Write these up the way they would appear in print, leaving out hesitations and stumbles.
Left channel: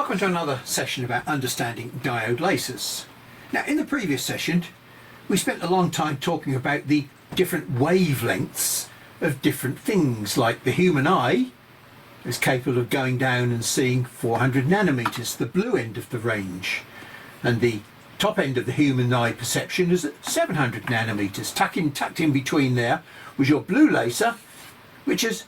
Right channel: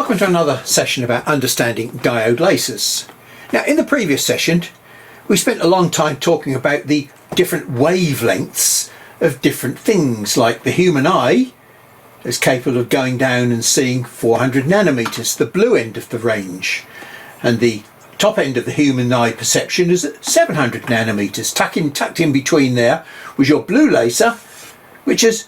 Welcome to another session about understanding diode lasers. Now, in the previous session we spent a long time talking about the different wavelengths of different things, like the human eye is capable of going down and seeing 400 nanometers, the blue end of the range, and the top end of the human eye perception is at 700 nanometers. Tucked in between there was your blue laser, which is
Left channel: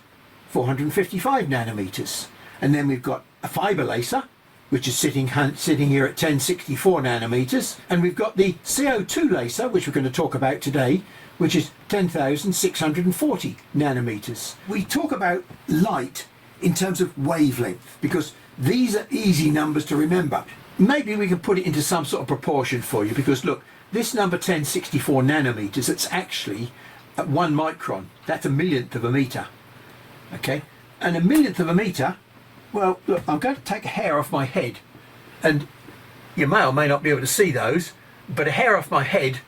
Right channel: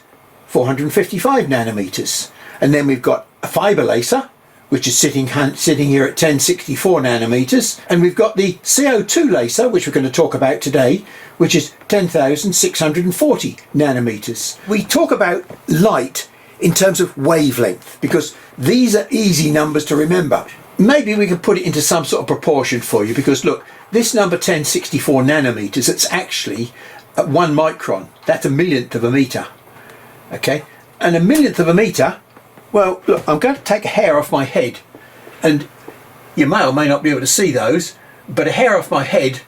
455 nanometers. And then we've got a fiber laser, which is sitting here at 1064 nanometers. And we've got the CO2 laser, which we're going to talk about today, which is 10,640 nanometers. We talk about light in terms of wavelength, because these are easy numbers to remember. Maybe we can put it into some sort of proportion for you, because look, this number 1064 nanometers, it's actually at 1 micron. That's a millionth of a meter. Okay, and a millionth of a meter, well, look, I'm going to take a hair off my head, and you may or may not be able to see those, but a hair off my head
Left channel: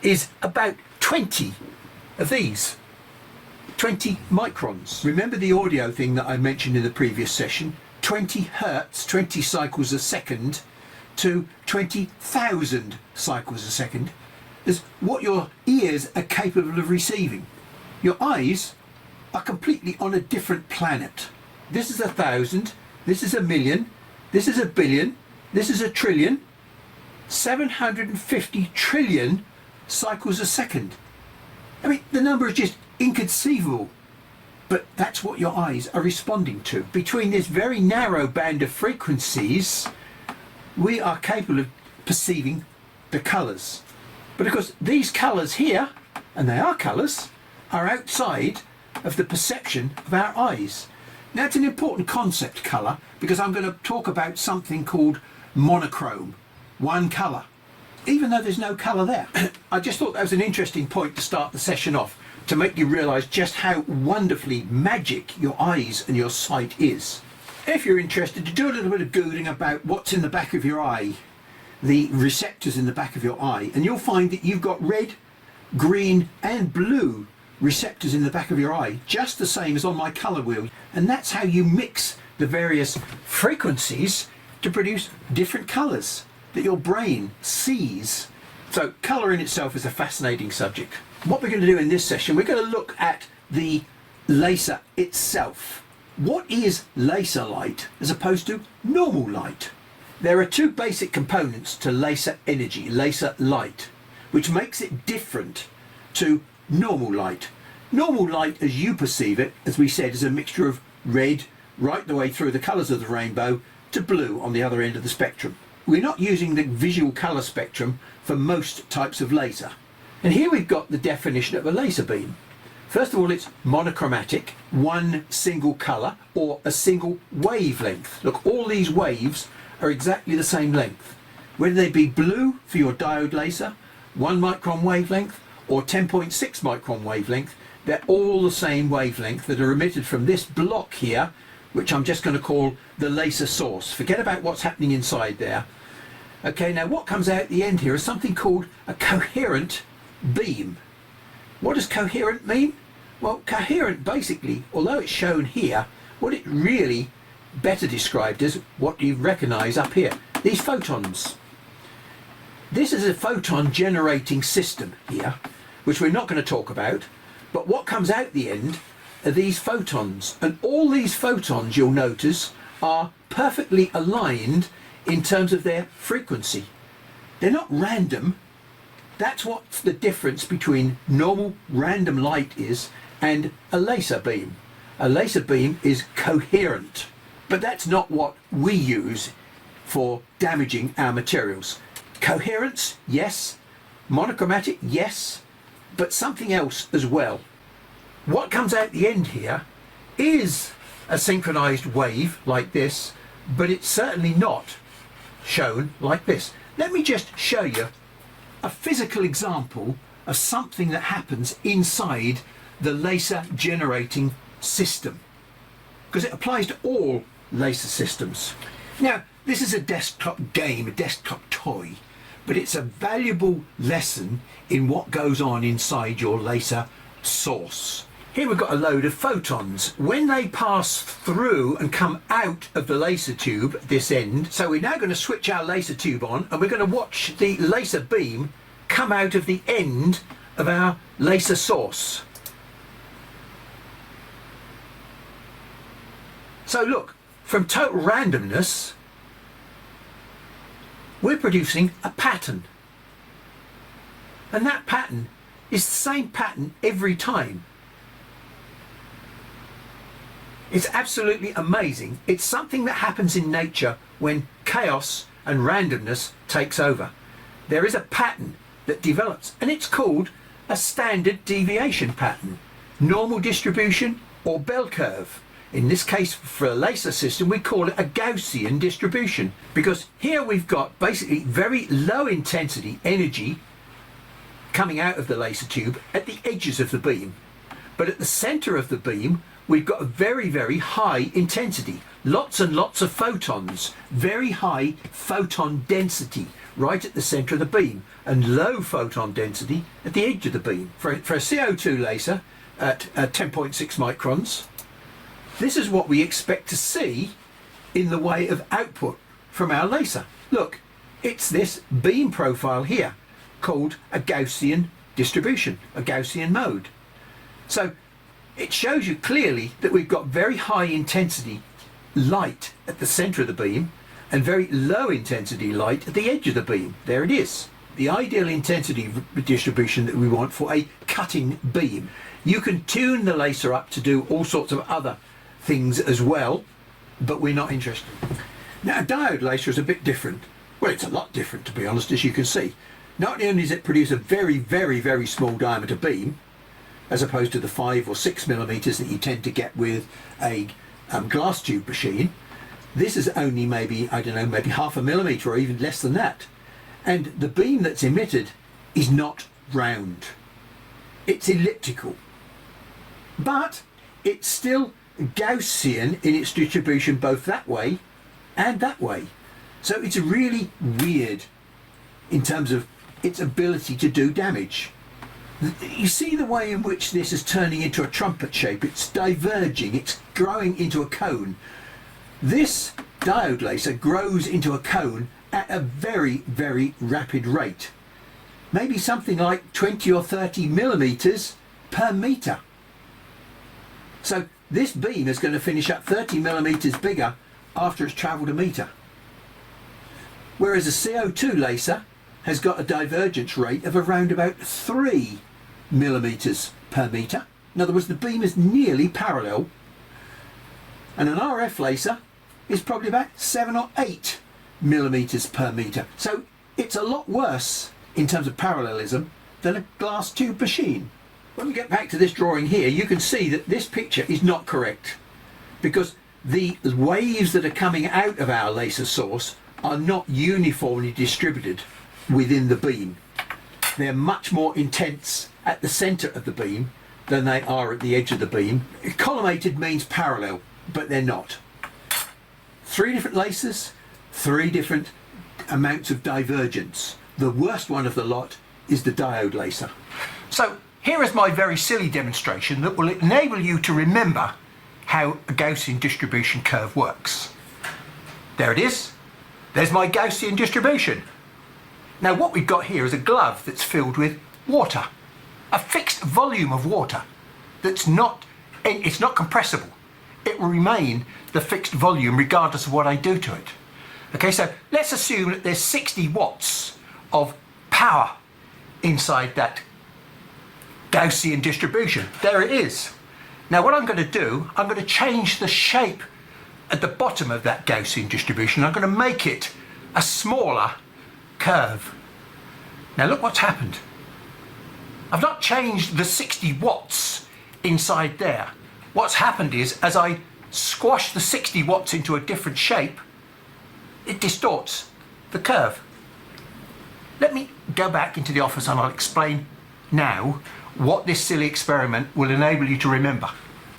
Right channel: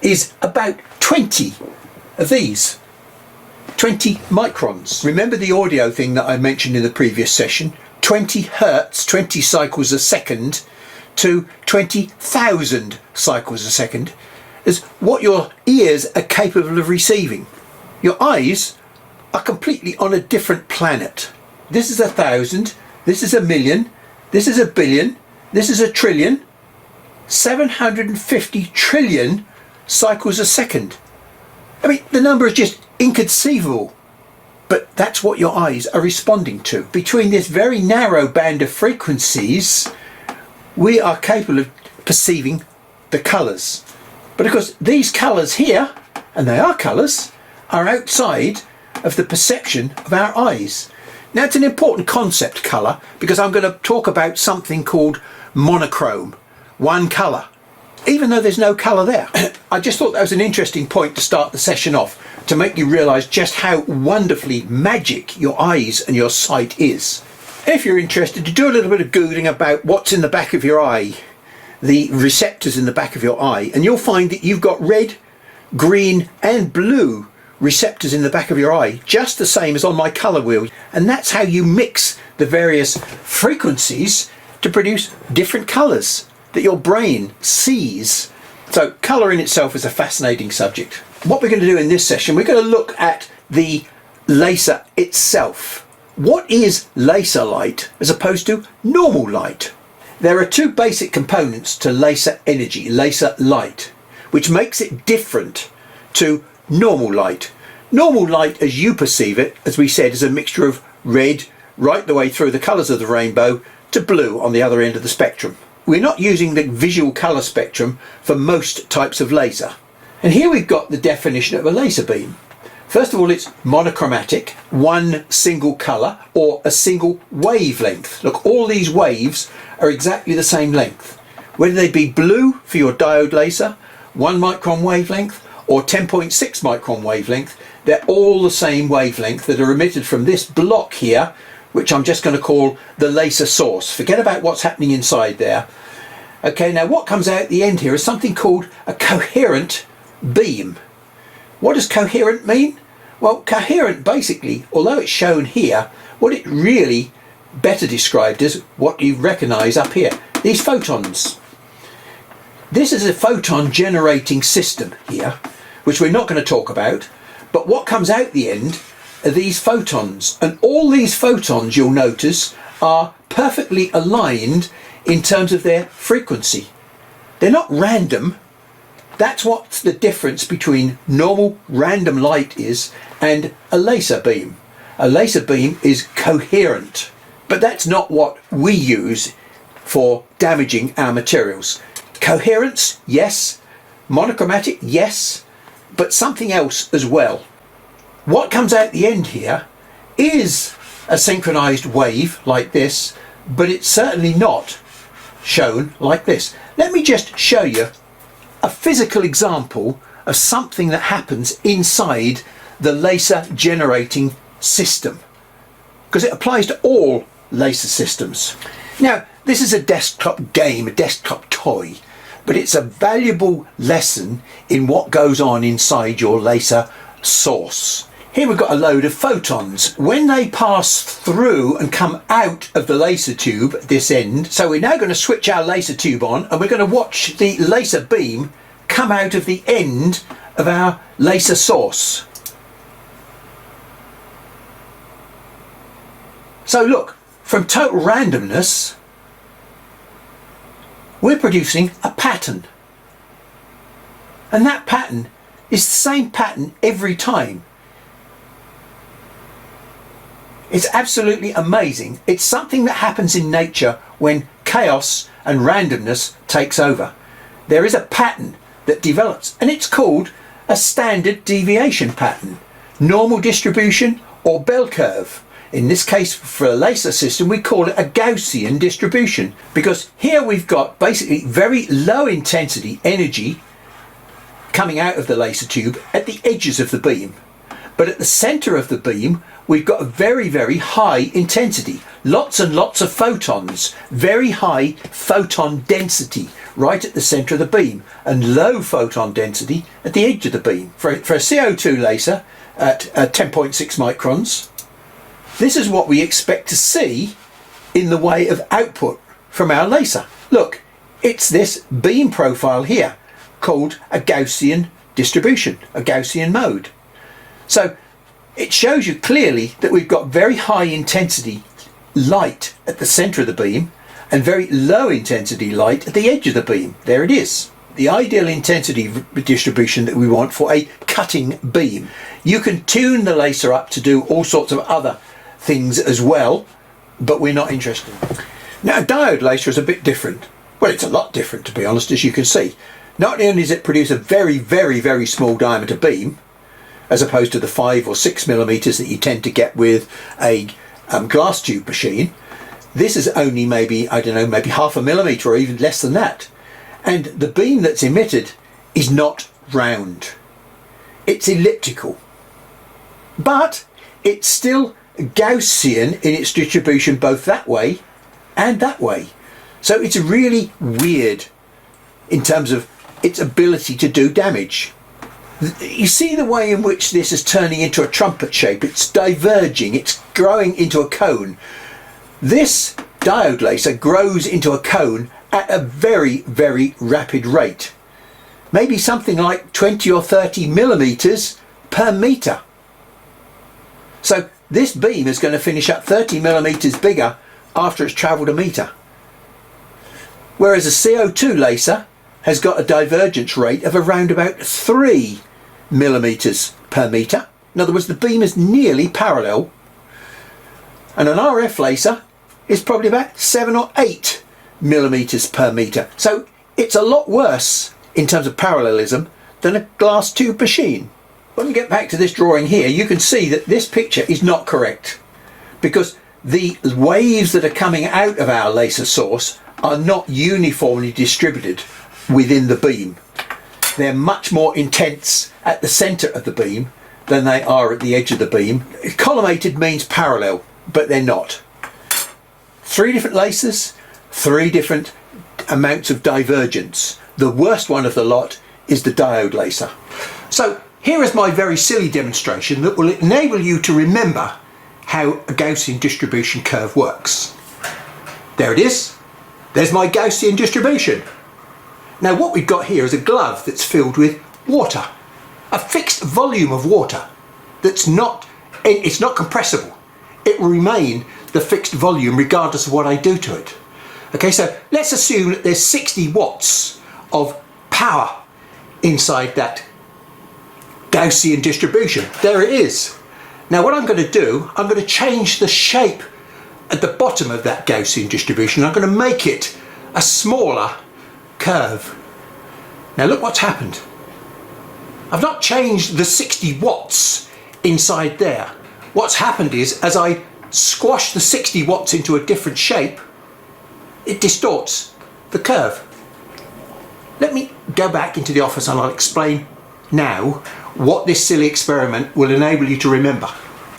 is about 20 of these. 20 microns. Remember the audio thing that I mentioned in the previous session? 20 hertz, 20 cycles a second, to 20,000 cycles a second is what your ears are capable of receiving. Your eyes are completely on a different planet. This is 1,000, this is 1,000,000, this is 1,000,000,000, this is 1,000,000,000,000, 750 trillion cycles a second. I mean, the number is just inconceivable, but that's what your eyes are responding to. Between this very narrow band of frequencies, we are capable of perceiving the colours. But of course, these colours here, and they are colours, are outside of the perception of our eyes. Now, it's an important concept, colour, because I'm going to talk about something called monochrome, one colour, even though there's no colour there. I just thought that was an interesting point to start the session off, to make you realise just how wonderfully magic your eyes and your sight is. If you're interested, to do a little bit of Googling about what's in the back of your eye, the receptors in the back of your eye, and you'll find that you've got red, green and blue receptors in the back of your eye, just the same as on my colour wheel. And that's how you mix the various frequencies to produce different colours that your brain sees. So colour in itself is a fascinating subject. What we're going to do in this session, we're going to look at the laser itself. What is laser light as opposed to normal light? There are two basic components to laser energy, laser light, which makes it different to normal light. Normal light, as you perceive it, as we said, is a mixture of red right the way through the colours of the rainbow to blue on the other end of the spectrum. We're not using the visual colour spectrum for most types of laser. And here we've got the definition of a laser beam. First of all, it's monochromatic, one single colour or a single wavelength. Look, all these waves are exactly the same length. Whether they be blue for your diode laser, 1 micron wavelength, or 10.6 micron wavelength, they're all the same wavelength that are emitted from this block here, which I'm just going to call the laser source. Forget about what's happening inside there. Okay, now what comes out at the end here is something called a coherent beam. What does coherent mean? Well, coherent basically, although it's shown here, what it really better described as what you recognise up here, these photons. This is a photon generating system here, which we're not going to talk about, but what comes out the end are these photons, and all these photons, you'll notice, are perfectly aligned in terms of their frequency. They're not random. That's what the difference between normal random light is and a laser beam. A laser beam is coherent, but that's not what we use for damaging our materials. Coherence, yes. Monochromatic, yes. But something else as well. What comes out the end here is a synchronized wave like this, but it's certainly not shown like this. Let me just show you a physical example of something that happens inside the laser generating system, because it applies to all laser systems. Now, this is a desktop game, a desktop toy, but it's a valuable lesson in what goes on inside your laser source. Here we've got a load of photons. When they pass through and come out of the laser tube at this end, so we're now going to switch our laser tube on and we're going to watch the laser beam come out of the end of our laser source. So look, from total randomness, we're producing a pattern. And that pattern is the same pattern every time. It's absolutely amazing. It's something that happens in nature when chaos and randomness takes over. There is a pattern that develops, and it's called a standard deviation pattern, normal distribution or bell curve. In this case, for a laser system, we call it a Gaussian distribution, because here we've got basically very low intensity energy coming out of the laser tube at the edges of the beam. But at the center of the beam, we've got a very, very high intensity. Lots and lots of photons, very high photon density right at the center of the beam, and low photon density at the edge of the beam. For a CO2 laser at 10.6 microns, this is what we expect to see in the way of output from our laser. Look, it's this beam profile here called a Gaussian distribution, a Gaussian mode. So it shows you clearly that we've got very high intensity light at the center of the beam and very low intensity light at the edge of the beam. There it is. The ideal intensity distribution that we want for a cutting beam. You can tune the laser up to do all sorts of other things as well, but we're not interested. Now, a diode laser is a bit different. Well, it's a lot different, to be honest, as you can see. Not only does it produce a very, very, very small diameter beam, as opposed to the 5 or 6 millimeters that you tend to get with a glass tube machine. This is only maybe, I don't know, maybe half a millimeter or even less than that. And the beam that's emitted is not round. It's elliptical. But it's still Gaussian in its distribution both that way and that way. So it's really weird in terms of its ability to do damage. You see the way in which this is turning into a trumpet shape. It's diverging, it's growing into a cone. This diode laser grows into a cone at a very, very rapid rate. Maybe something like 20 or 30 millimeters per meter. So this beam is going to finish up 30 millimeters bigger after it's traveled a meter. Whereas a CO2 laser has got a divergence rate of around about 3 millimeters per meter. In other words, the beam is nearly parallel. And an RF laser is probably about 7 or 8 millimeters per meter. So it's a lot worse in terms of parallelism than a glass tube machine. When we get back to this drawing here, you can see that this picture is not correct, because the waves that are coming out of our laser source are not uniformly distributed within the beam. They're much more intense at the center of the beam than they are at the edge of the beam. Collimated means parallel, but they're not. 3 different lasers, 3 different amounts of divergence. The worst one of the lot is the diode laser. So here is my very silly demonstration that will enable you to remember how a Gaussian distribution curve works. There it is. There's my Gaussian distribution. Now what we've got here is a glove that's filled with water, a fixed volume of water that's not, it's not compressible. It will remain the fixed volume regardless of what I do to it. Okay, so let's assume that there's 60 watts of power inside that Gaussian distribution. There it is. Now what I'm going to do, I'm going to change the shape at the bottom of that Gaussian distribution. I'm going to make it a smaller curve. Now look what's happened. I've not changed the 60 watts inside there. What's happened is, as I squash the 60 watts into a different shape, it distorts the curve. Let me go back into the office and I'll explain now what this silly experiment will enable you to remember.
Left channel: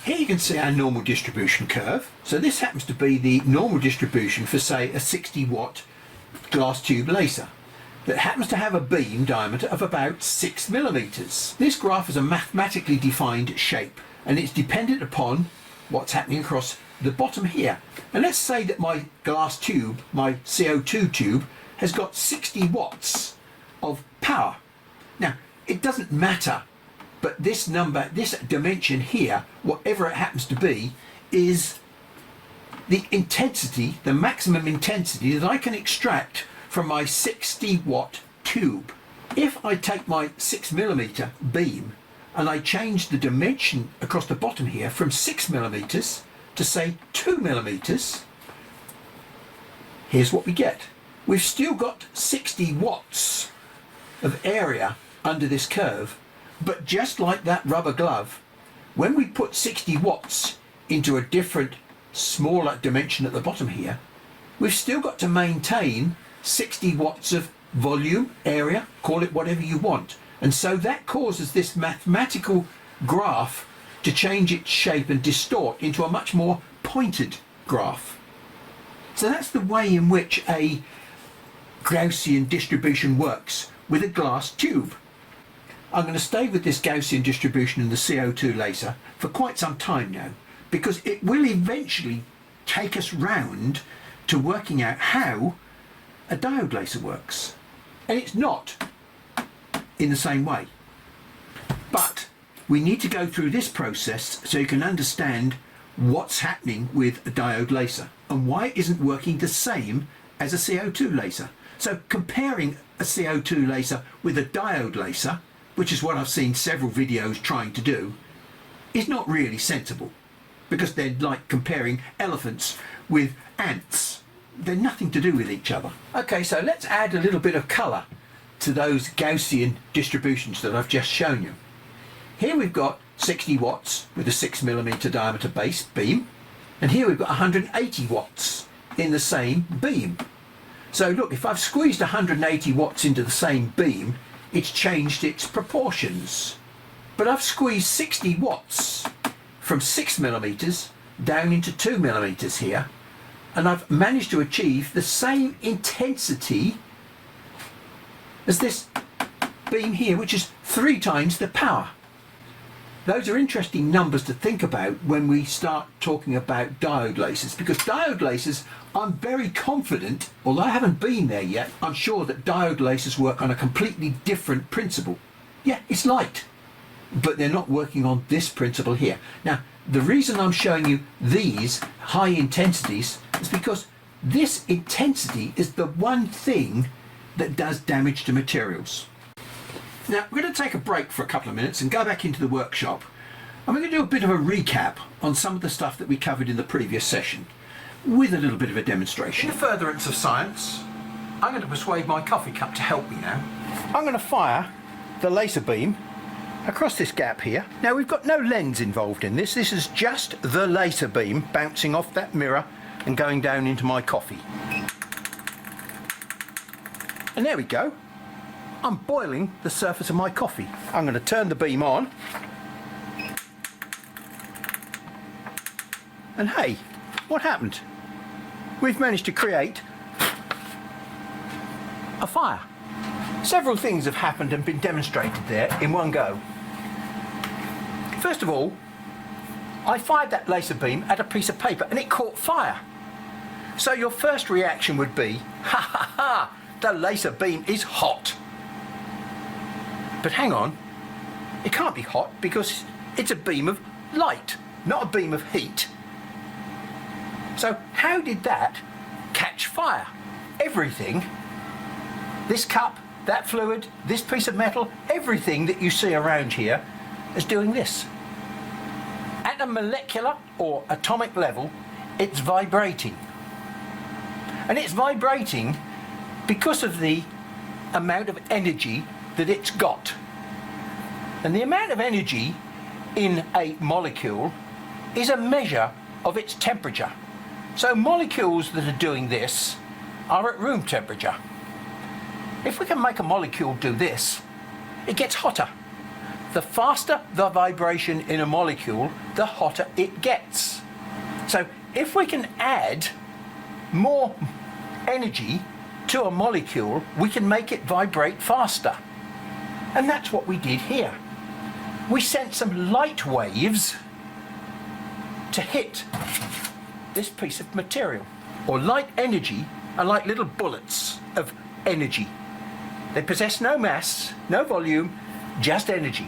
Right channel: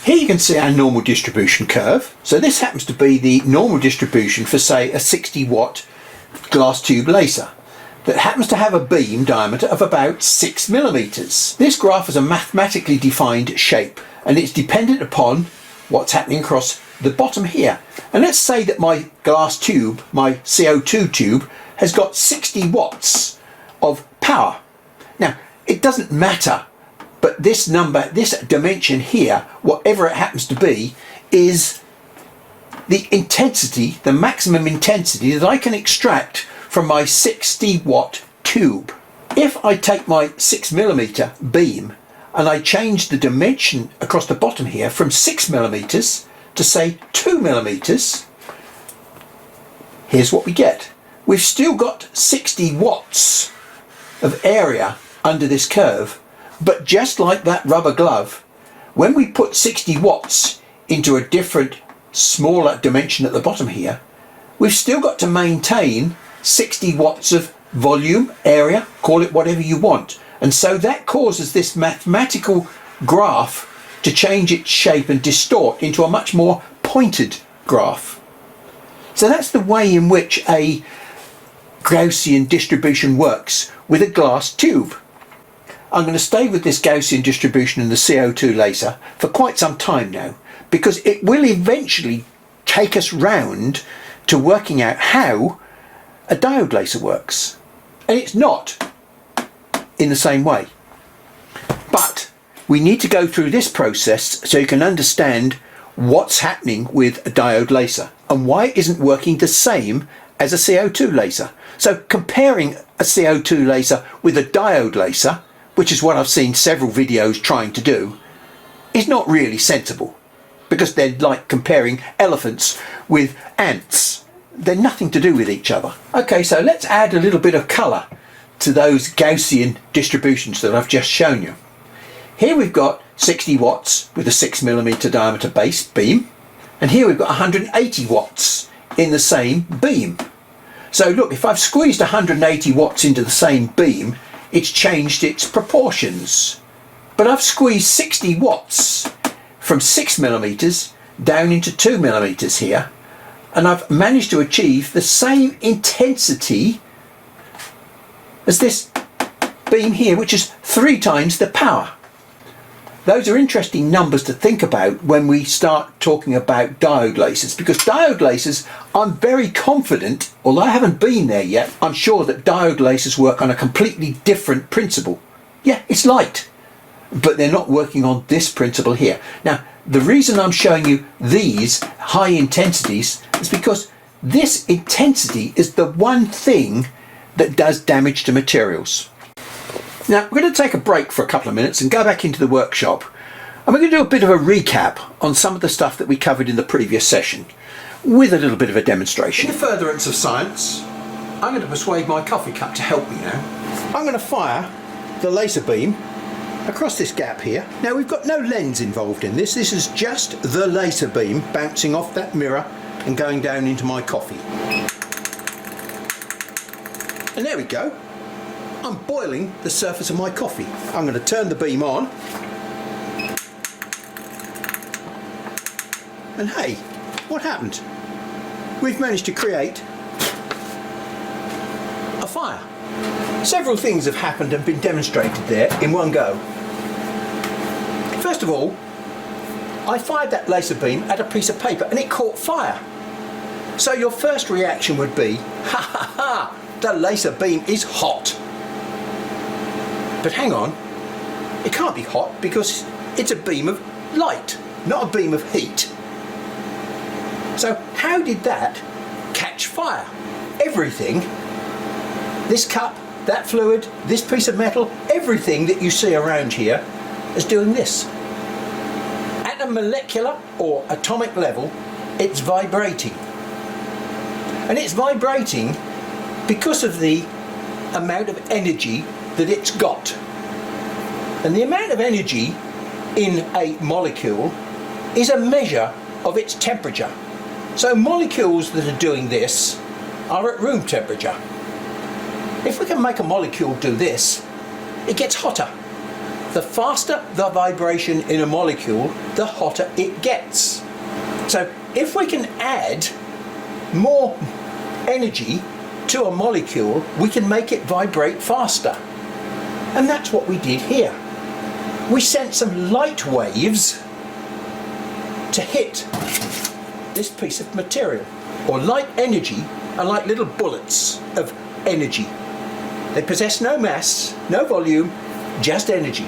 Here you can see our normal distribution curve. So this happens to be the normal distribution for, say, a 60 watt glass tube laser that happens to have a beam diameter of about 6 millimeters. This graph is a mathematically defined shape, and it's dependent upon what's happening across the bottom here. And let's say that my glass tube, my CO2 tube, has got 60 watts of power. Now, it doesn't matter, but this number, this dimension here, whatever it happens to be, is the intensity, the maximum intensity that I can extract from my 60 watt tube. If I take my 6mm beam and I change the dimension across the bottom here from 6mm to say 2mm, here's what we get. We've still got 60 watts of area under this curve, but just like that rubber glove, when we put 60 watts into a different, smaller dimension at the bottom here, we've still got to maintain 60 watts of volume, area, call it whatever you want. And so that causes this mathematical graph to change its shape and distort into a much more pointed graph. So that's the way in which a Gaussian distribution works with a glass tube. I'm going to stay with this Gaussian distribution in the CO2 laser for quite some time now, because it will eventually take us round to working out how a diode laser works. And it's not in the same way. But we need to go through this process so you can understand what's happening with a diode laser and why it isn't working the same as a CO2 laser. So comparing a CO2 laser with a diode laser, which is what I've seen several videos trying to do, is not really sensible, because they're like comparing elephants with ants. They're nothing to do with each other. Okay, so let's add a little bit of colour to those Gaussian distributions that I've just shown you. Here we've got 60 watts with a 6mm diameter base beam, and here we've got 180 watts in the same beam. So look, if I've squeezed 180 watts into the same beam, it's changed its proportions. But I've squeezed 60 watts from 6mm down into 2mm here, and I've managed to achieve the same intensity as this beam here, which is 3 times the power. Those are interesting numbers to think about when we start talking about diode lasers, because diode lasers, I'm very confident, although I haven't been there yet, I'm sure that diode lasers work on a completely different principle. Yeah, it's light, but they're not working on this principle here. Now, the reason I'm showing you these high intensities is because this intensity is the one thing that does damage to materials. Now, we're going to take a break for a couple of minutes and go back into the workshop, and we're going to do a bit of a recap on some of the stuff that we covered in the previous session with a little bit of a demonstration. In the furtherance of science, I'm going to persuade my coffee cup to help me now. I'm going to fire the laser beam across this gap here. Now, we've got no lens involved in this. This is just the laser beam bouncing off that mirror and going down into my coffee. And there we go. I'm boiling the surface of my coffee. I'm going to turn the beam on. And hey, what happened? We've managed to create a fire. Several things have happened and been demonstrated there in one go. First of all, I fired that laser beam at a piece of paper and it caught fire. So your first reaction would be, ha ha ha, the laser beam is hot. But hang on, it can't be hot because it's a beam of light, not a beam of heat. So how did that catch fire? Everything, this cup, that fluid, this piece of metal, everything that you see around here is doing this. At a molecular or atomic level, it's vibrating. And it's vibrating because of the amount of energy that it's got. And the amount of energy in a molecule is a measure of its temperature. So molecules that are doing this are at room temperature. If we can make a molecule do this, it gets hotter. The faster the vibration in a molecule, the hotter it gets. So if we can add more energy to a molecule, we can make it vibrate faster. And that's what we did here. We sent some light waves to hit this piece of material. Or light energy are like little bullets of energy. They possess no mass, no volume, just energy.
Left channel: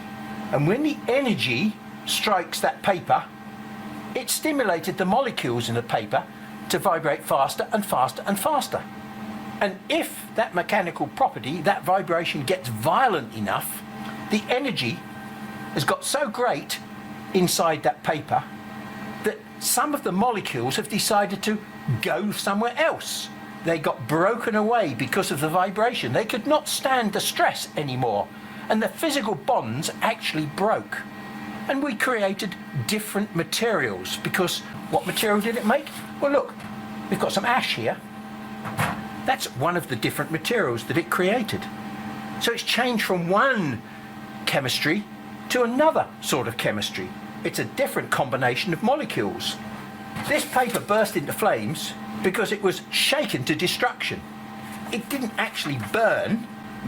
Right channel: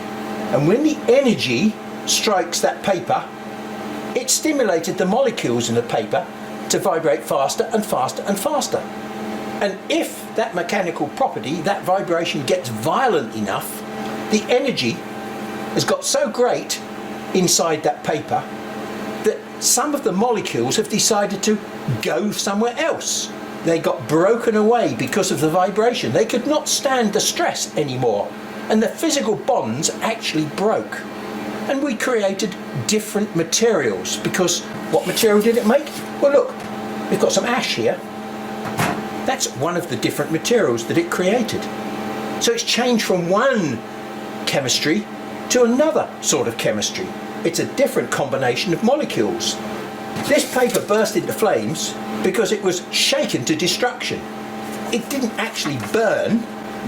And when the energy strikes that paper, it stimulated the molecules in the paper to vibrate faster and faster and faster. And if that mechanical property, that vibration, gets violent enough, the energy has got so great inside that paper that some of the molecules have decided to go somewhere else. They got broken away because of the vibration. They could not stand the stress anymore, and the physical bonds actually broke. And we created different materials, because what material did it make? Well, look, we've got some ash here. That's one of the different materials that it created. So it's changed from one chemistry to another sort of chemistry. It's a different combination of molecules. This paper burst into flames because it was shaken to destruction. It didn't actually burn.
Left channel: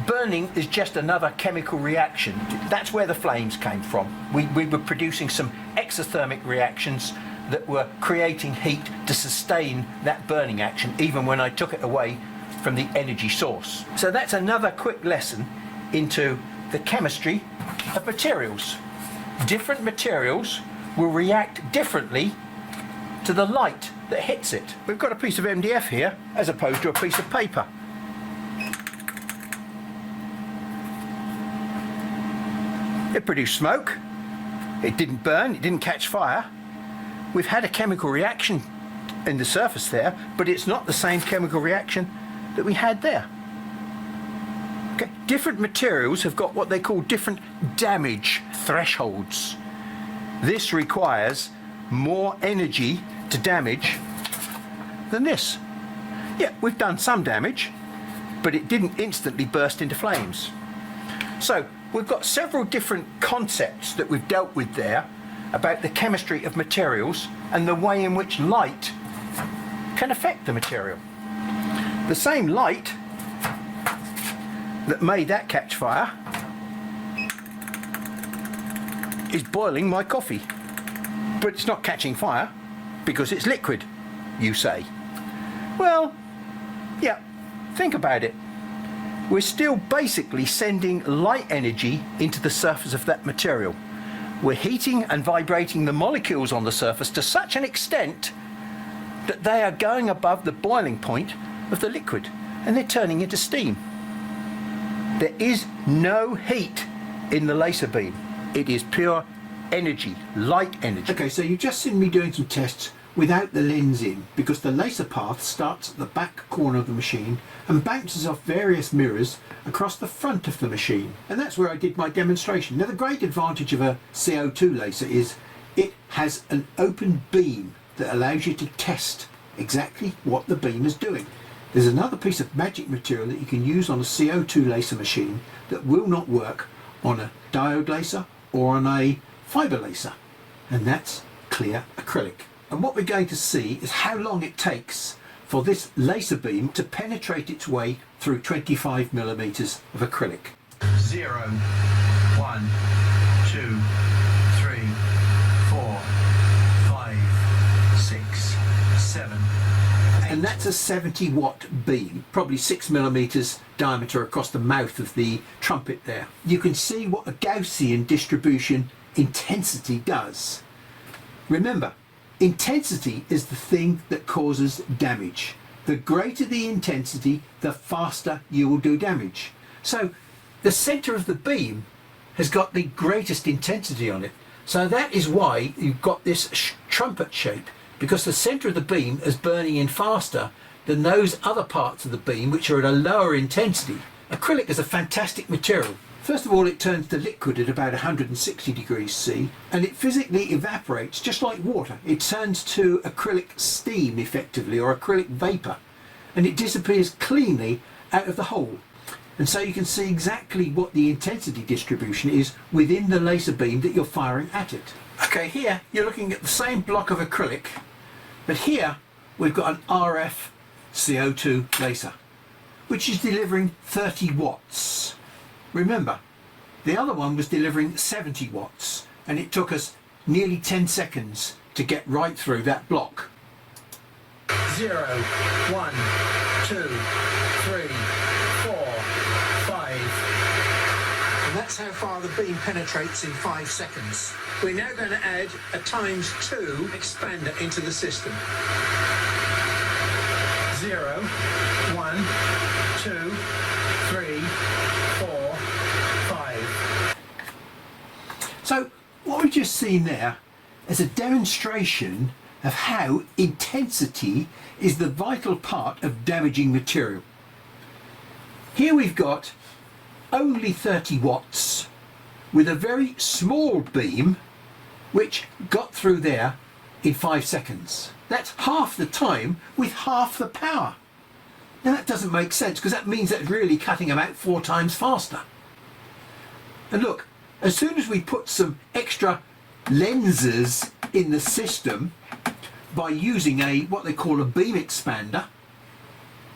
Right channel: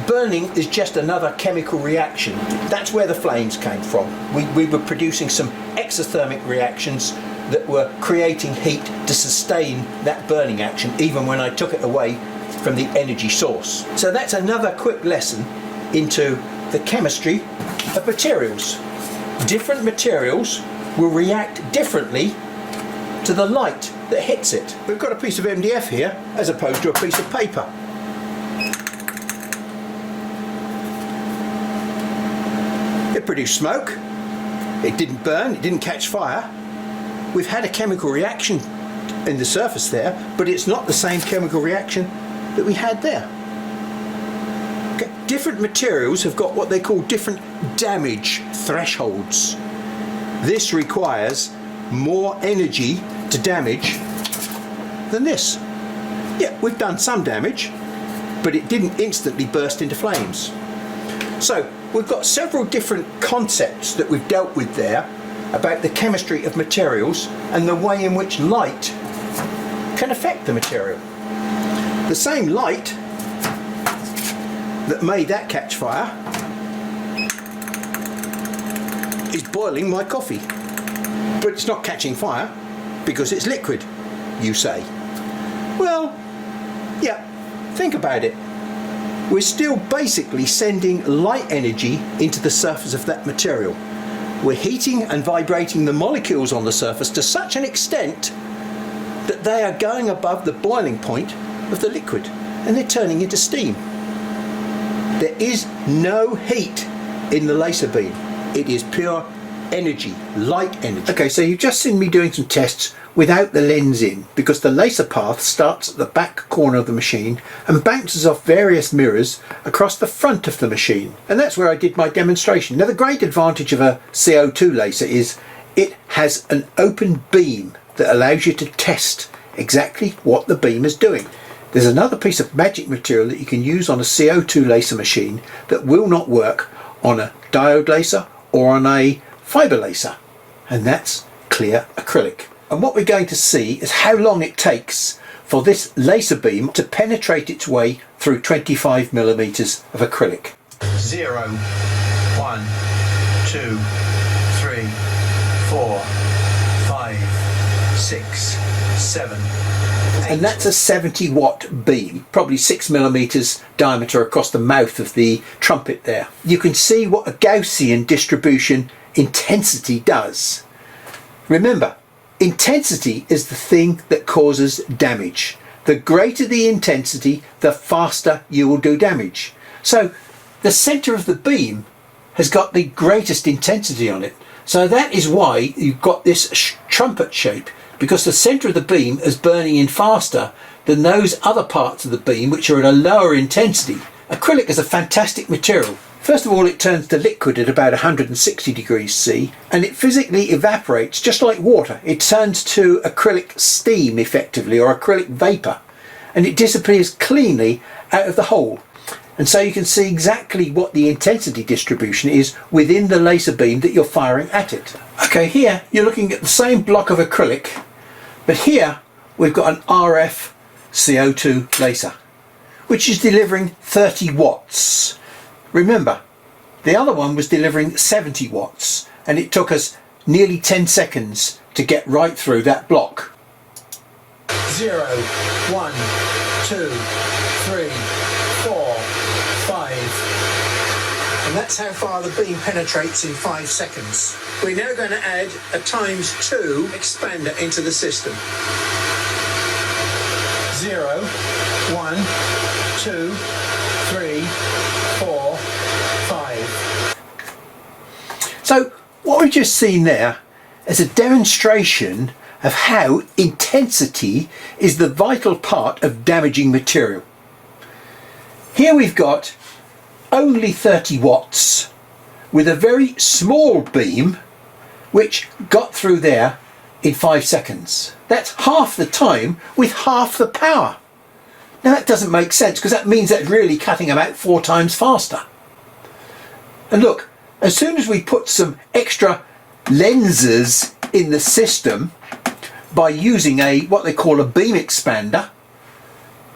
Burning is just another chemical reaction. That's where the flames came from. We were producing some exothermic reactions that were creating heat to sustain that burning action, even when I took it away from the energy source. So that's another quick lesson into the chemistry of materials. Different materials will react differently to the light that hits it. We've got a piece of MDF here as opposed to a piece of paper. It produced smoke, it didn't burn, it didn't catch fire. We've had a chemical reaction in the surface there, but it's not the same chemical reaction that we had there. Okay. Different materials have got what they call different damage thresholds. This requires more energy to damage than this. Yeah, we've done some damage, but it didn't instantly burst into flames. So we've got several different concepts that we've dealt with there about the chemistry of materials and the way in which light can affect the material. The same light that made that catch fire is boiling my coffee, but it's not catching fire because it's liquid, you say. Well, yeah, think about it. We're still basically sending light energy into the surface of that material. We're heating and vibrating the molecules on the surface to such an extent that they are going above the boiling point of the liquid, and they're turning into steam. There is no heat in the laser beam. It is pure energy, light energy. Okay, so you've just seen me doing some tests without the lens in, because the laser path starts at the back corner of the machine and bounces off various mirrors across the front of the machine. And that's where I did my demonstration. Now, the great advantage of a CO2 laser is it has an open beam that allows you to test exactly what the beam is doing. There's another piece of magic material that you can use on a CO2 laser machine that will not work on a diode laser or on a fiber laser, and that's clear acrylic. And what we're going to see is how long it takes for this laser beam to penetrate its way through 25 millimeters of acrylic. 0, 1, 2, 3, 4, 5, 6, 7. And that's a 70 watt beam, probably 6 millimeters diameter across the mouth of the trumpet there. You can see what a Gaussian distribution intensity does. Remember, intensity is the thing that causes damage. The greater the intensity, the faster you will do damage. So the center of the beam has got the greatest intensity on it. So that is why you've got this trumpet shape, because the center of the beam is burning in faster than those other parts of the beam which are at a lower intensity. Acrylic is a fantastic material. First of all, it turns to liquid at about 160 degrees C, and it physically evaporates just like water. It turns to acrylic steam effectively, or acrylic vapor, and it disappears cleanly out of the hole. And so you can see exactly what the intensity distribution is within the laser beam that you're firing at it. Okay, here you're looking at the same block of acrylic, but here we've got an RF CO2 laser, which is delivering 30 watts. Remember, the other one was delivering 70 watts, and it took us nearly 10 seconds to get right through that block. 0, 1, 2, 3, 4, 5. And that's how far the beam penetrates in 5 seconds. We're now going to add a ×2 expander into the system. 0, 1, 2, 3, 4, 5. So what we've just seen there is a demonstration of how intensity is the vital part of damaging material. Here we've got only 30 watts with a very small beam which got through there in 5 seconds. That's half the time with half the power. Now that doesn't make sense, because that means that's really cutting about 4 times faster. And look, as soon as we put some extra lenses in the system by using what they call a beam expander,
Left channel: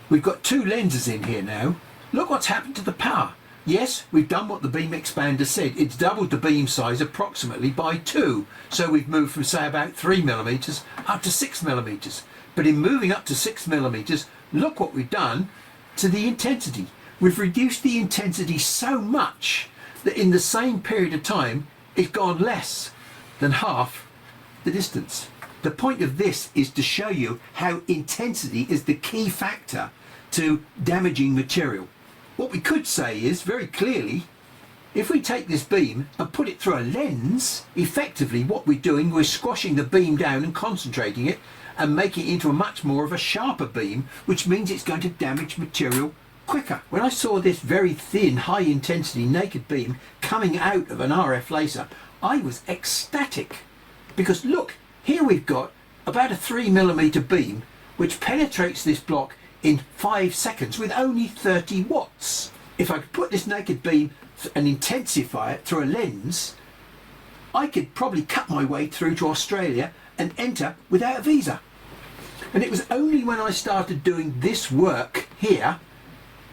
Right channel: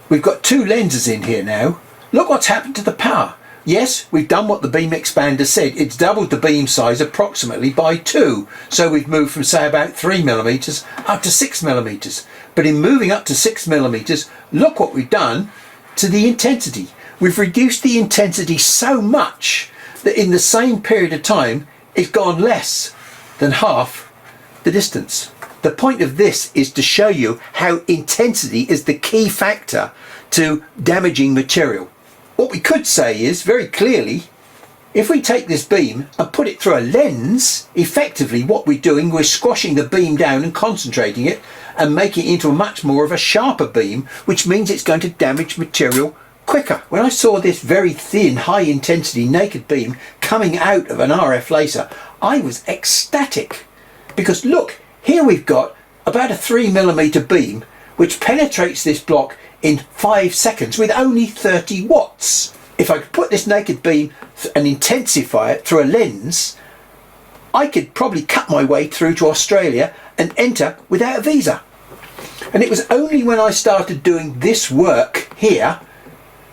we've got 2 lenses in here now. Look what's happened to the power. Yes, we've done what the beam expander said. It's doubled the beam size approximately by 2. So we've moved from, say, about 3mm up to 6mm. But in moving up to 6mm, look what we've done to the intensity. We've reduced the intensity so much that in the same period of time, it's gone less than half the distance. The point of this is to show you how intensity is the key factor to damaging material. What we could say is, very clearly, if we take this beam and put it through a lens, effectively what we're doing, we're squashing the beam down and concentrating it and making it into a much more of a sharper beam, which means it's going to damage material quicker. When I saw this very thin, high intensity naked beam coming out of an RF laser, I was ecstatic. Because look, here we've got about a 3mm beam which penetrates this block in 5 seconds with only 30 watts. If I could put this naked beam and intensify it through a lens, I could probably cut my way through to Australia and enter without a visa. And it was only when I started doing this work here,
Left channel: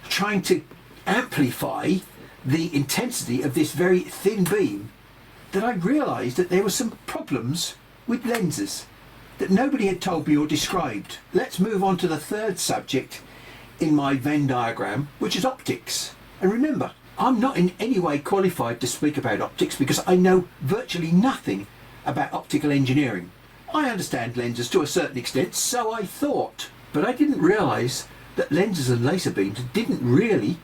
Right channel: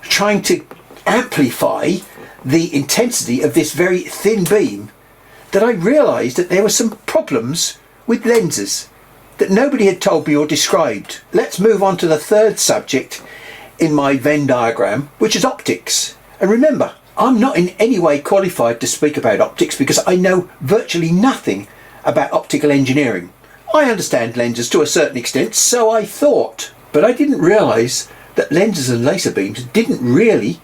trying to amplify the intensity of this very thin beam, that I realised that there were some problems with lenses that nobody had told me or described. Let's move on to the third subject in my Venn diagram, which is optics. And remember, I'm not in any way qualified to speak about optics because I know virtually nothing about optical engineering. I understand lenses to a certain extent, so I thought, but I didn't realise that lenses and laser beams didn't really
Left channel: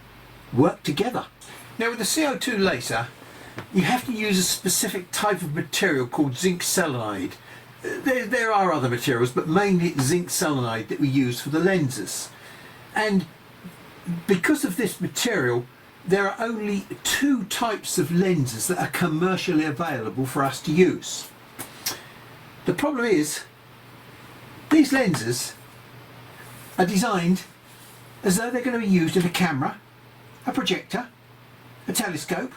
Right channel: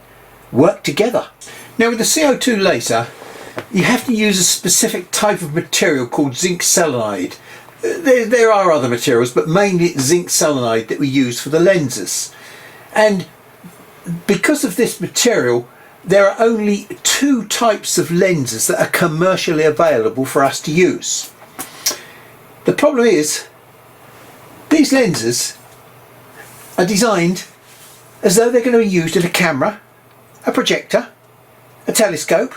work together. Now with the CO2 laser, you have to use a specific type of material called zinc selenide. There are other materials, but mainly it's zinc selenide that we use for the lenses. And because of this material, there are only 2 types of lenses that are commercially available for us to use. The problem is, these lenses are designed as though they're going to be used in a camera, a projector, a telescope,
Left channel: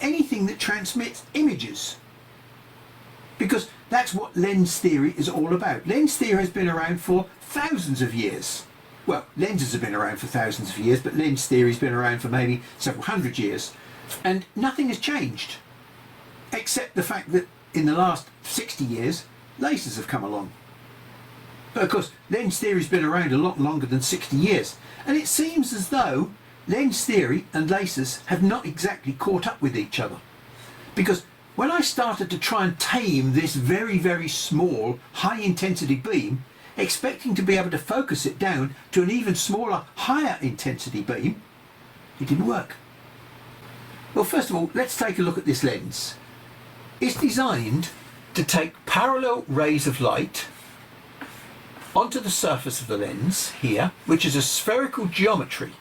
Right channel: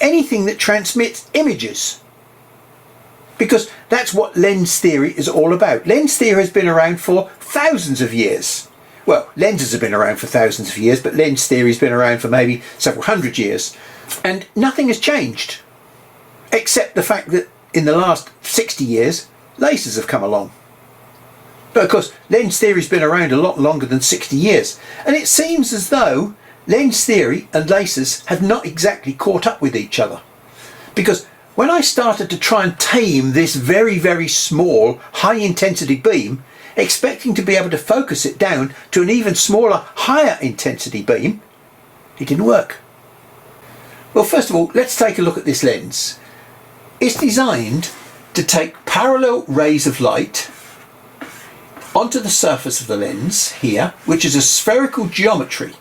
anything that transmits images. Because that's what lens theory is all about. Lens theory has been around for thousands of years. Well, lenses have been around for thousands of years, but lens theory has been around for maybe several hundred years. And nothing has changed, except the fact that in the last 60 years, lasers have come along. But of course, lens theory has been around a lot longer than 60 years. And it seems as though lens theory and lasers have not exactly caught up with each other. Because when I started to try and tame this very, very small, high intensity beam, expecting to be able to focus it down to an even smaller, higher intensity beam, it didn't work. Well, first of all, let's take a look at this lens. It's designed to take parallel rays of light onto the surface of the lens here, which is a spherical geometry.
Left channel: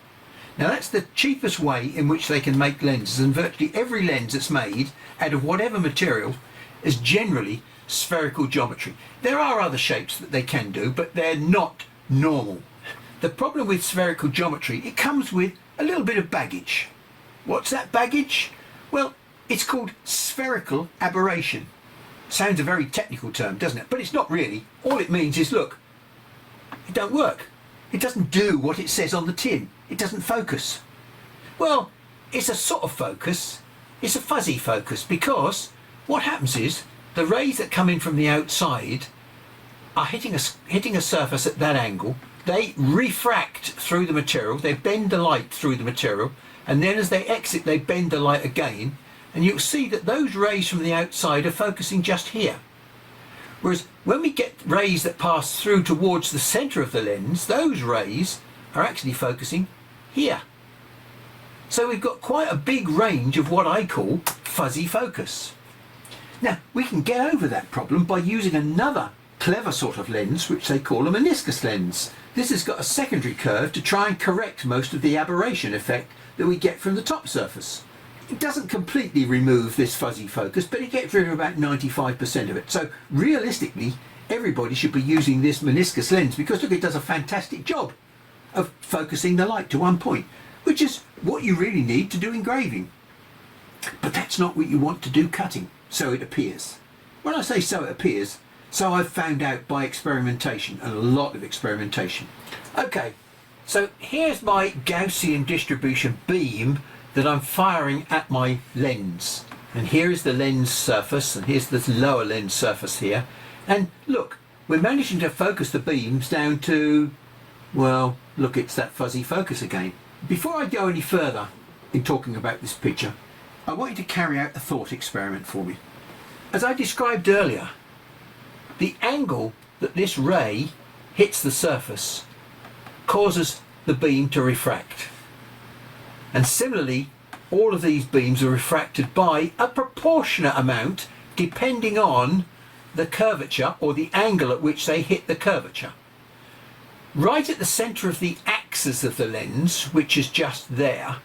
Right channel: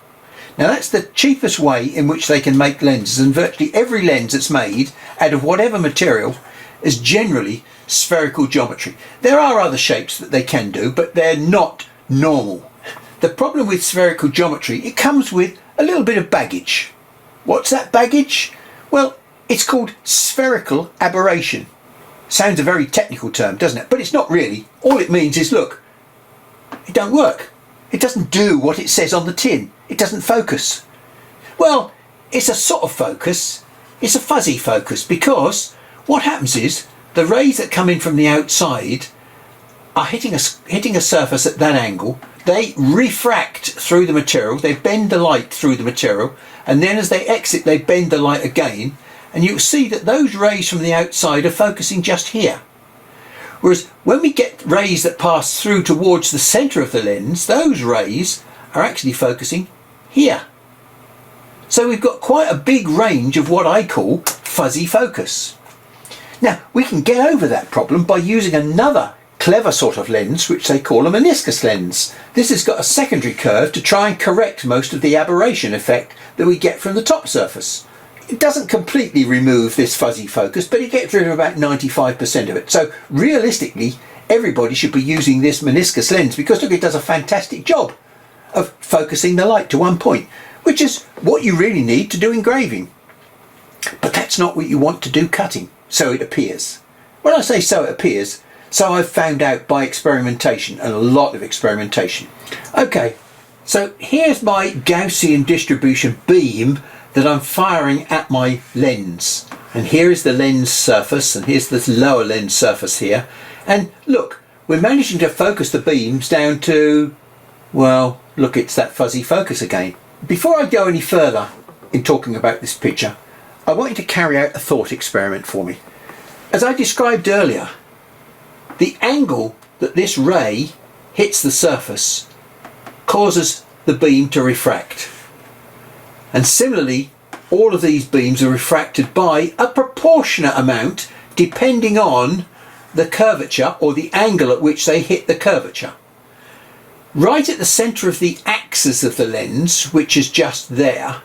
Now that's the cheapest way in which they can make lenses, and virtually every lens that's made out of whatever material is generally spherical geometry. There are other shapes that they can do, but they're not normal. The problem with spherical geometry, it comes with a little bit of baggage. What's that baggage? Well, it's called spherical aberration. Sounds a very technical term, doesn't it? But it's not really. All it means is, look, it don't work. It doesn't do what it says on the tin. It doesn't focus. Well, it's a sort of focus. It's a fuzzy focus, because what happens is the rays that come in from the outside are hitting a surface at that angle. They refract through the material, they bend the light through the material, and then as they exit they bend the light again, and you'll see that those rays from the outside are focusing just here. Whereas when we get rays that pass through towards the centre of the lens, those rays are actually focusing here. So we've got quite a big range of what I call fuzzy focus. Now we can get over that problem by using another clever sort of lens which they call a meniscus lens. This has got a secondary curve to try and correct most of the aberration effect that we get from the top surface. It doesn't completely remove this fuzzy focus, but it gets rid of about 95% of it. So realistically, everybody should be using this meniscus lens because look, it does a fantastic job of focusing the light to one point, which is what you really need to do engraving. But that's not what you want to do cutting, so it appears. When I say so it appears, so I've found out by experimentation, and a lot of experimentation. Okay, so here's my Gaussian distribution beam that I'm firing at my lens. And here is the lens surface, and here's the lower lens surface here. And look, we're managing to focus the beams down to, well, look, it's that fuzzy focus again. Before I go any further in talking about this picture, I want you to carry out a thought experiment for me. As I described earlier, the angle that this ray hits the surface causes the beam to refract. And similarly, all of these beams are refracted by a proportionate amount depending on the curvature or the angle at which they hit the curvature. Right at the centre of the axis of the lens, which is just there,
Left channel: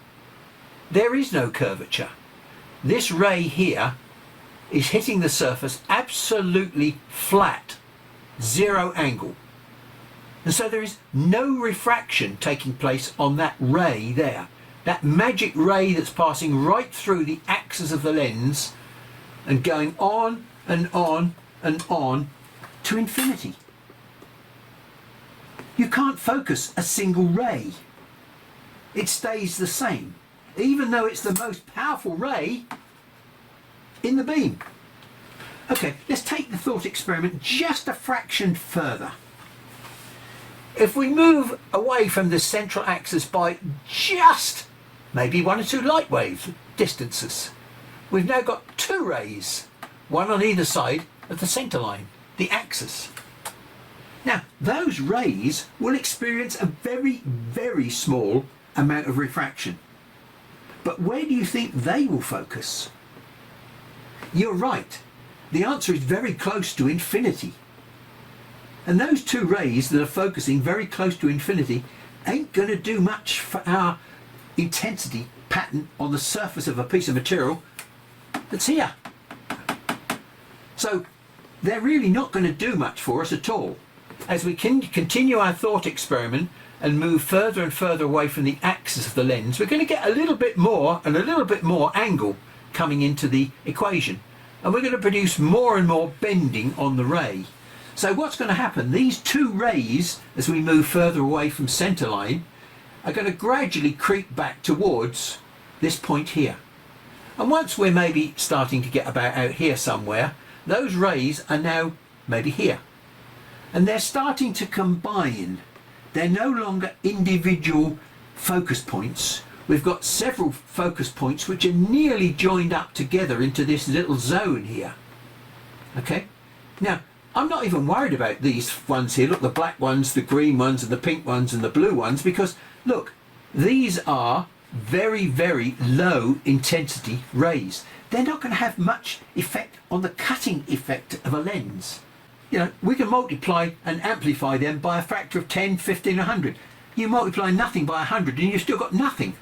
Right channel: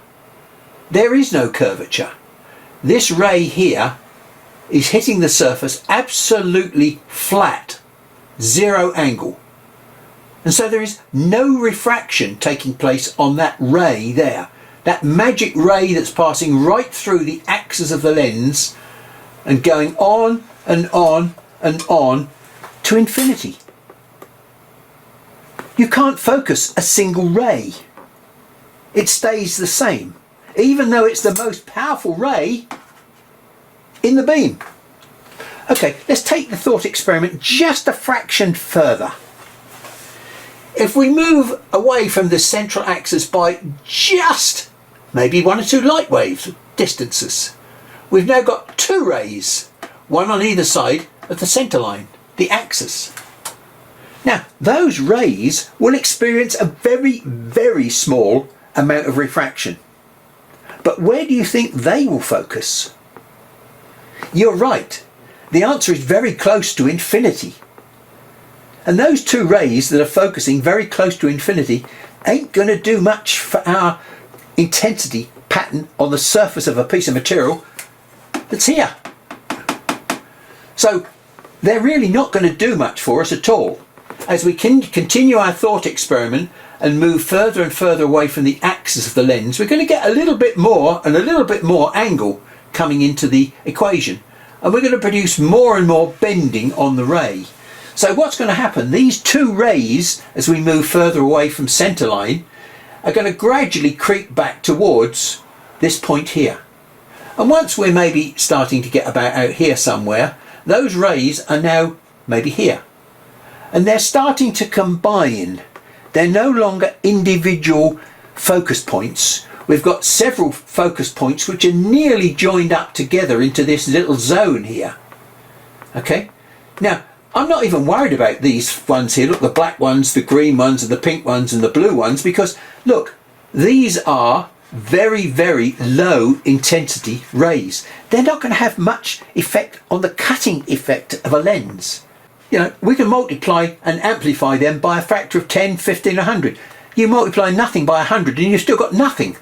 there is no curvature. This ray here is hitting the surface absolutely flat, zero angle. And so there is no refraction taking place on that ray there. That magic ray that's passing right through the axis of the lens and going on and on and on to infinity. You can't focus a single ray. It stays the same, even though it's the most powerful ray in the beam. Okay, let's take the thought experiment just a fraction further. If we move away from the central axis by just maybe 1 or 2 light wave distances, we've now got 2 rays, one on either side of the centre line, the axis. Now, those rays will experience a very, very small amount of refraction. But where do you think they will focus? You're right. The answer is very close to infinity. And those 2 rays that are focusing very close to infinity ain't going to do much for our intensity pattern on the surface of a piece of material that's here. So they're really not going to do much for us at all. As we can continue our thought experiment and move further and further away from the axis of the lens, we're going to get a little bit more and a little bit more angle coming into the equation, and we're going to produce more and more bending on the ray. So what's going to happen? These 2 rays, as we move further away from centre line, are going to gradually creep back towards this point here. And once we're maybe starting to get about out here somewhere, those rays are now maybe here. And they're starting to combine. They're no longer individual focus points. We've got several focus points which are nearly joined up together into this little zone here. Okay? Now, I'm not even worried about these ones here. Look, the black ones, the green ones, and the pink ones, and the blue ones, because, look, these are very, very low intensity rays. They're not going to have much effect on the cutting effect of a lens. You know, we can multiply and amplify them by a factor of 10, 15, 100. You multiply nothing by 100 and you've still got nothing.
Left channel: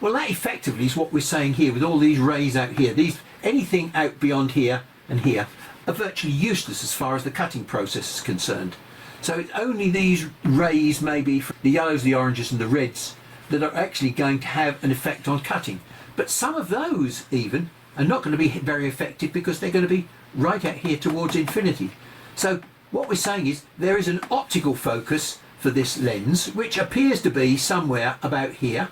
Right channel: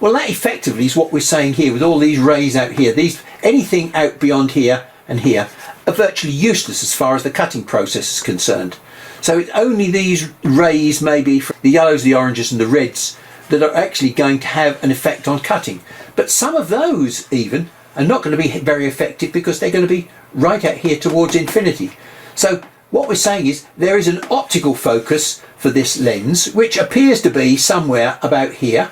Well, that effectively is what we're saying here with all these rays out here. Anything out beyond here and here are virtually useless as far as the cutting process is concerned. So it's only these rays, maybe from the yellows, the oranges and the reds, that are actually going to have an effect on cutting. But some of those even are not going to be very effective because they're going to be right out here towards infinity. So what we're saying is there is an optical focus for this lens which appears to be somewhere about here,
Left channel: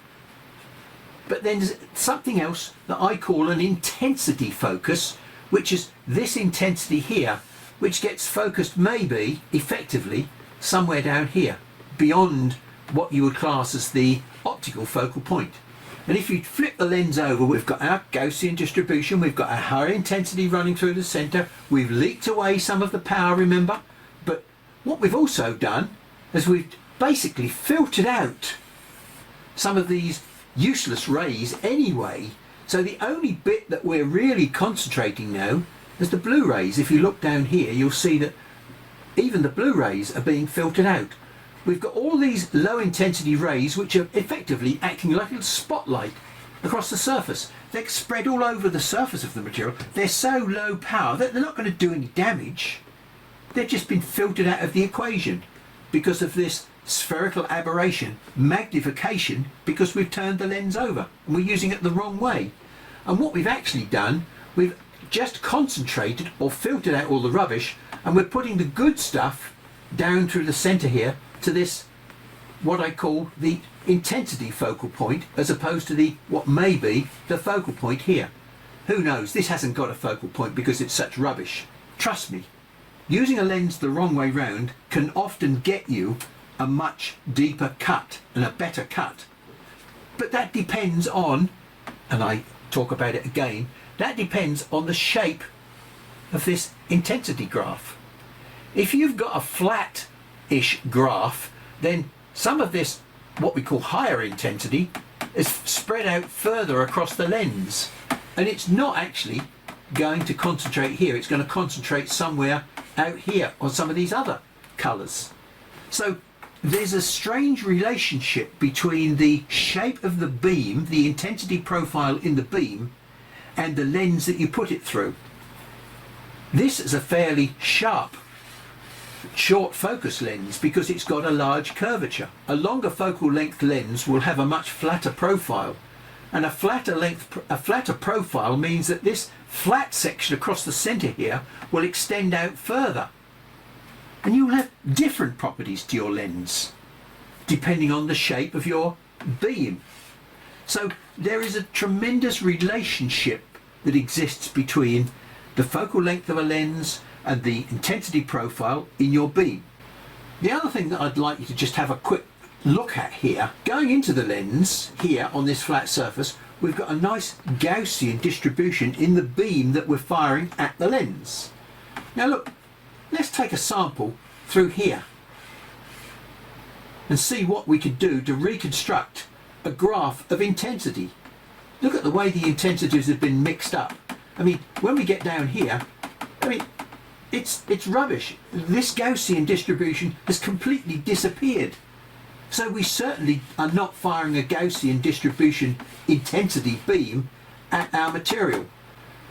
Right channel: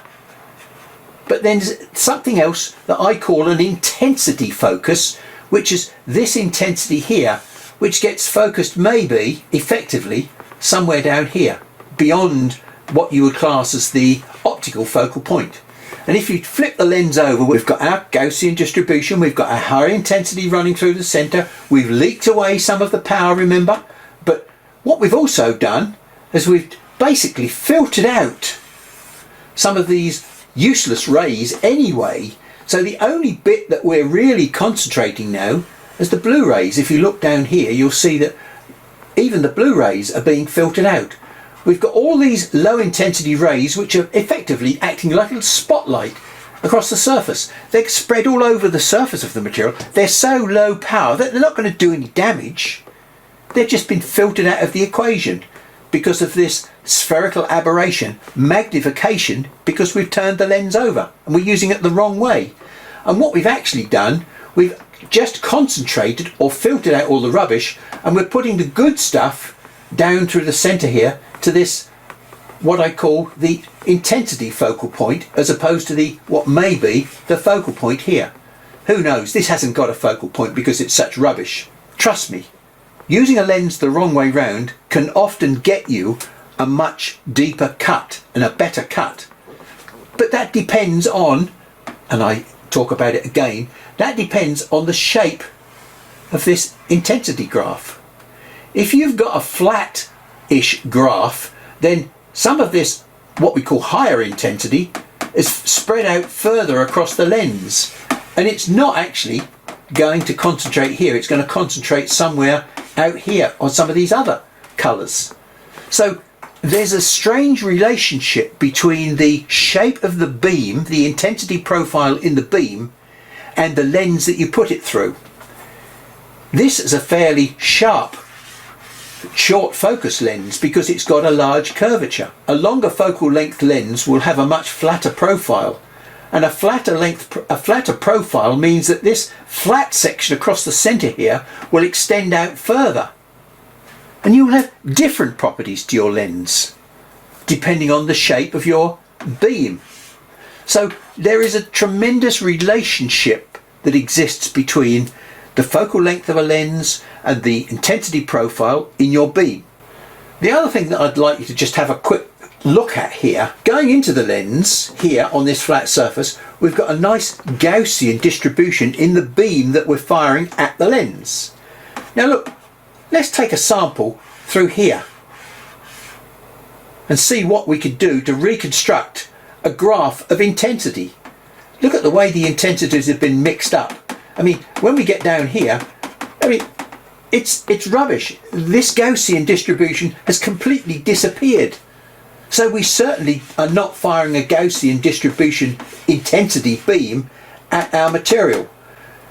but then there's something else that I call an intensity focus which is this intensity here, which gets focused maybe effectively somewhere down here, beyond what you would class as the optical focal point. And if you flip the lens over, we've got our Gaussian distribution, we've got our high intensity running through the centre, we've leaked away some of the power, remember, but what we've also done is we've basically filtered out some of these useless rays anyway. So the only bit that we're really concentrating now is the blue rays. If you look down here, you'll see that even the blue rays are being filtered out. We've got all these low intensity rays which are effectively acting like a little spotlight across the surface. They're spread all over the surface of the material. They're so low power that they're not going to do any damage. They've just been filtered out of the equation because of this spherical aberration, magnification, because we've turned the lens over and we're using it the wrong way. And what we've actually done, we've just concentrated or filtered out all the rubbish, and we're putting the good stuff down through the centre here to this, what I call the intensity focal point, as opposed to the what may be the focal point here. Who knows? This hasn't got a focal point because it's such rubbish. Trust me, using a lens the wrong way round can often get you a much deeper cut and a better cut. But that depends on, and I talk about it again, that depends on the shape of this intensity graph. If you've got a flat-ish graph, then some of this, what we call higher intensity, is spread out further across the lens, and it's not actually going to concentrate here. It's going to concentrate somewhere out here on some of these other colours. So there's a strange relationship between the shape of the beam, the intensity profile in the beam, and the lens that you put it through. This is a fairly sharp, short focus lens because it's got a large curvature. A longer focal length lens will have a much flatter profile, and a flatter profile means that this flat section across the centre here will extend out further, and you'll have different properties to your lens depending on the shape of your beam. So there is a tremendous relationship that exists between the focal length of a lens and the intensity profile in your beam. The other thing that I'd like you to just have a quick look at here, going into the lens here on this flat surface, we've got a nice Gaussian distribution in the beam that we're firing at the lens. Now look, let's take a sample through here and see what we could do to reconstruct a graph of intensity. Look at the way the intensities have been mixed up. I mean, when we get down here, I mean, it's rubbish. This Gaussian distribution has completely disappeared. So we certainly are not firing a Gaussian distribution intensity beam at our material.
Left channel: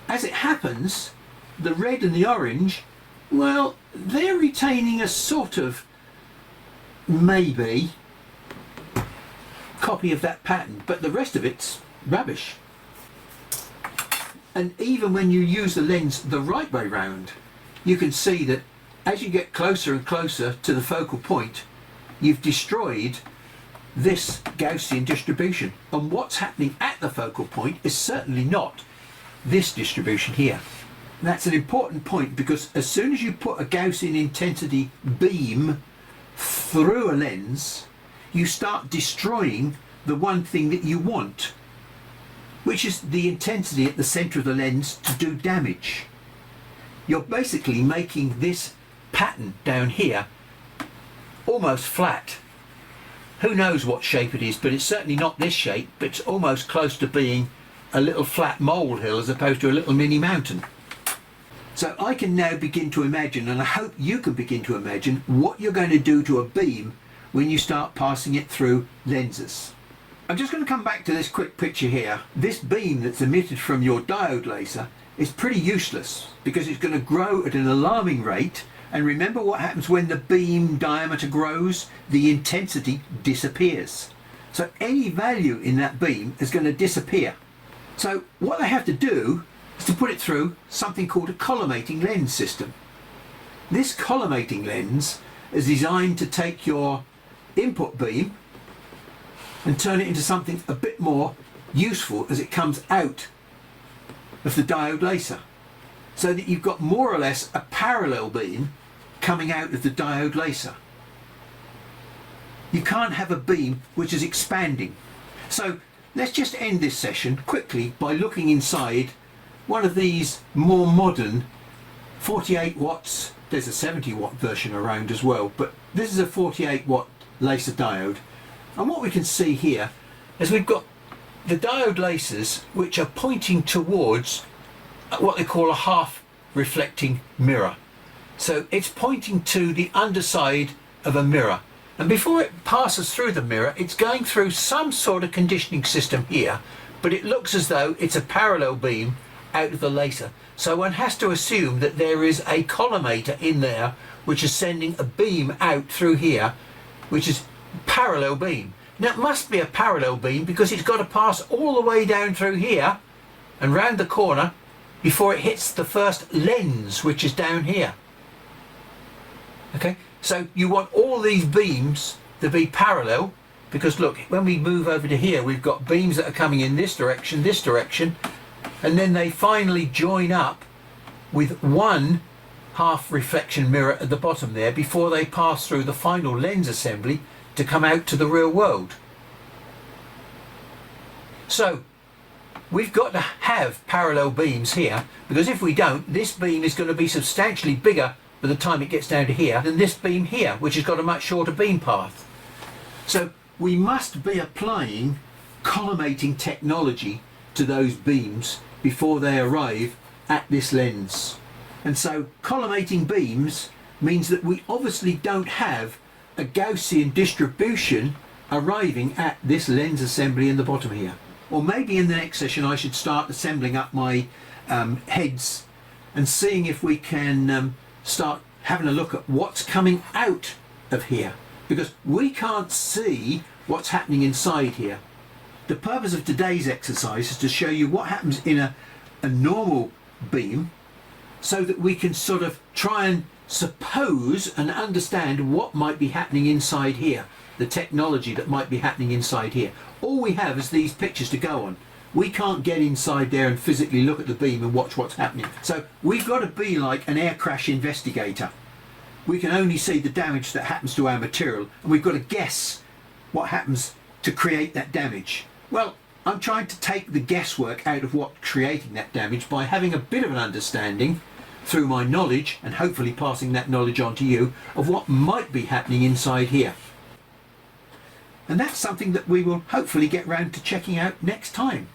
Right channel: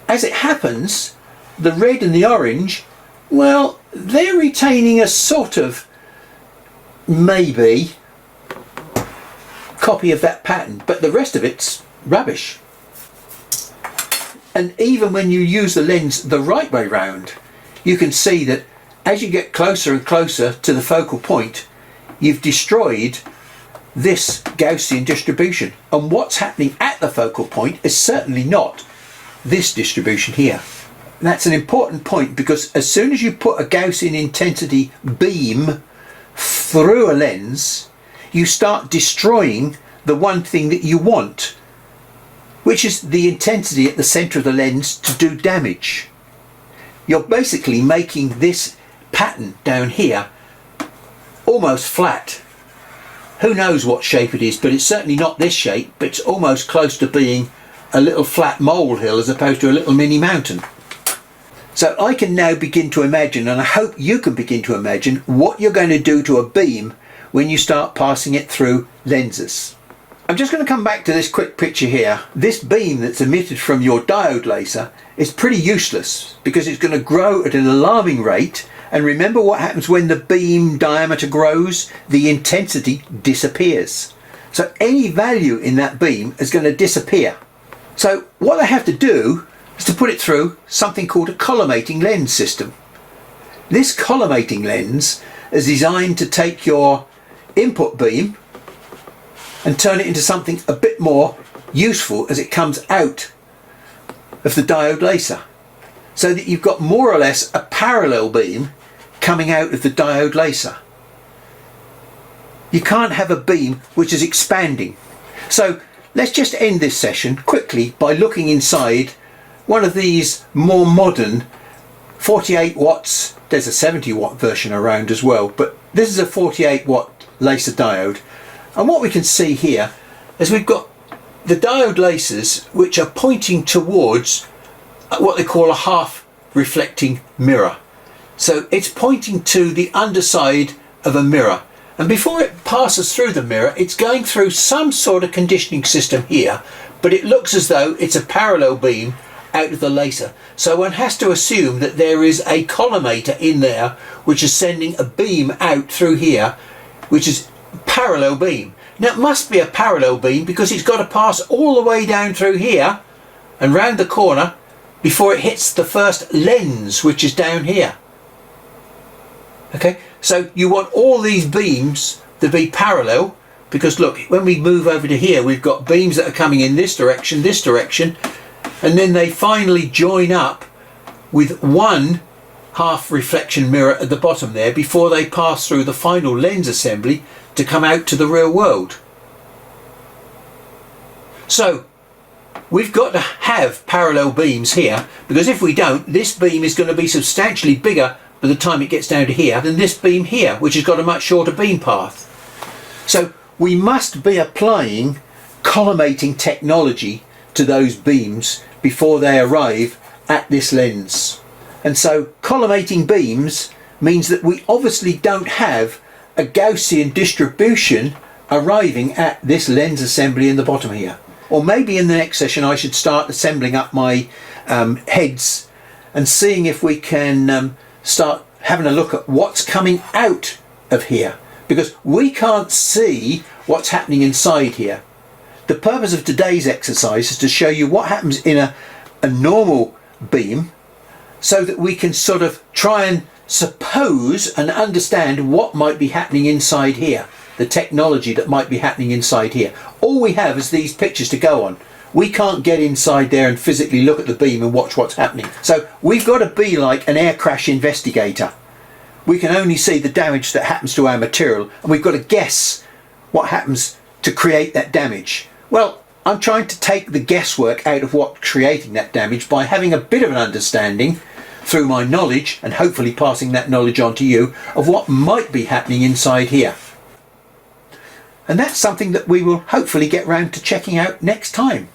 As it happens, the red and the orange, well, they're retaining a sort of maybe copy of that pattern, but the rest of it's rubbish. And even when you use the lens the right way round, you can see that as you get closer and closer to the focal point, you've destroyed this Gaussian distribution. And what's happening at the focal point is certainly not this distribution here. And that's an important point, because as soon as you put a Gaussian intensity beam through a lens, you start destroying the one thing that you want, which is the intensity at the centre of the lens to do damage. You're basically making this pattern down here almost flat. Who knows what shape it is, but it's certainly not this shape, but it's almost close to being a little flat molehill as opposed to a little mini mountain. So I can now begin to imagine, and I hope you can begin to imagine, what you're going to do to a beam when you start passing it through lenses. I'm just going to come back to this quick picture here. This beam that's emitted from your diode laser is pretty useless because it's going to grow at an alarming rate. And remember what happens when the beam diameter grows? The intensity disappears. So any value in that beam is going to disappear. So what I have to do is to put it through something called a collimating lens system. This collimating lens is designed to take your input beam and turn it into something a bit more useful as it comes out of the diode laser. so that you've got more or less a parallel beam coming out of the diode laser. You can't have a beam which is expanding. So let's just end this session quickly by looking inside one of these more modern 48 watts. There's a 70 watt version around as well, but this is a 48 watt laser diode. And what we can see here is we've got the diode lasers which are pointing towards what they call a half reflecting mirror. So it's pointing to the underside of a mirror, and before it passes through the mirror it's going through some sort of conditioning system here, but it looks as though it's a parallel beam out of the laser. So one has to assume that there is a collimator in there which is sending a beam out through here, which is parallel beam. Now it must be a parallel beam because it's got to pass all the way down through here and round the corner before it hits the first lens, which is down here. Okay, so you want all these beams to be parallel, because look, when we move over to here we've got beams that are coming in this direction, and then they finally join up with one half reflection mirror at the bottom there before they pass through the final lens assembly to come out to the real world. So we've got to have parallel beams here, because if we don't, this beam is going to be substantially bigger by the time it gets down to here than this beam here, which has got a much shorter beam path. So we must be applying collimating technology to those beams before they arrive at this lens. And so collimating beams means that we obviously don't have a Gaussian distribution arriving at this lens assembly in the bottom here. Or maybe in the next session I should start assembling up my heads and seeing if we can start having a look at what's coming out of here, because we can't see what's happening inside here. The purpose of today's exercise is to show you what happens in a normal beam, so that we can sort of try and suppose and understand what might be happening inside here, the technology that might be happening inside here. All we have is these pictures to go on. We can't get inside there and physically look at the beam and watch what's happening. So we've got to be like an air crash investigator. We can only see the damage that happens to our material, and we've got to guess what happens to create that damage. Well, I'm trying to take the guesswork out of what's creating that damage by having a bit of an understanding through my knowledge, and hopefully passing that knowledge on to you, of what might be happening inside here. And that's something that we will hopefully get round to checking out next time.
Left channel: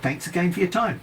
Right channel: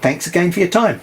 Thanks again for your time.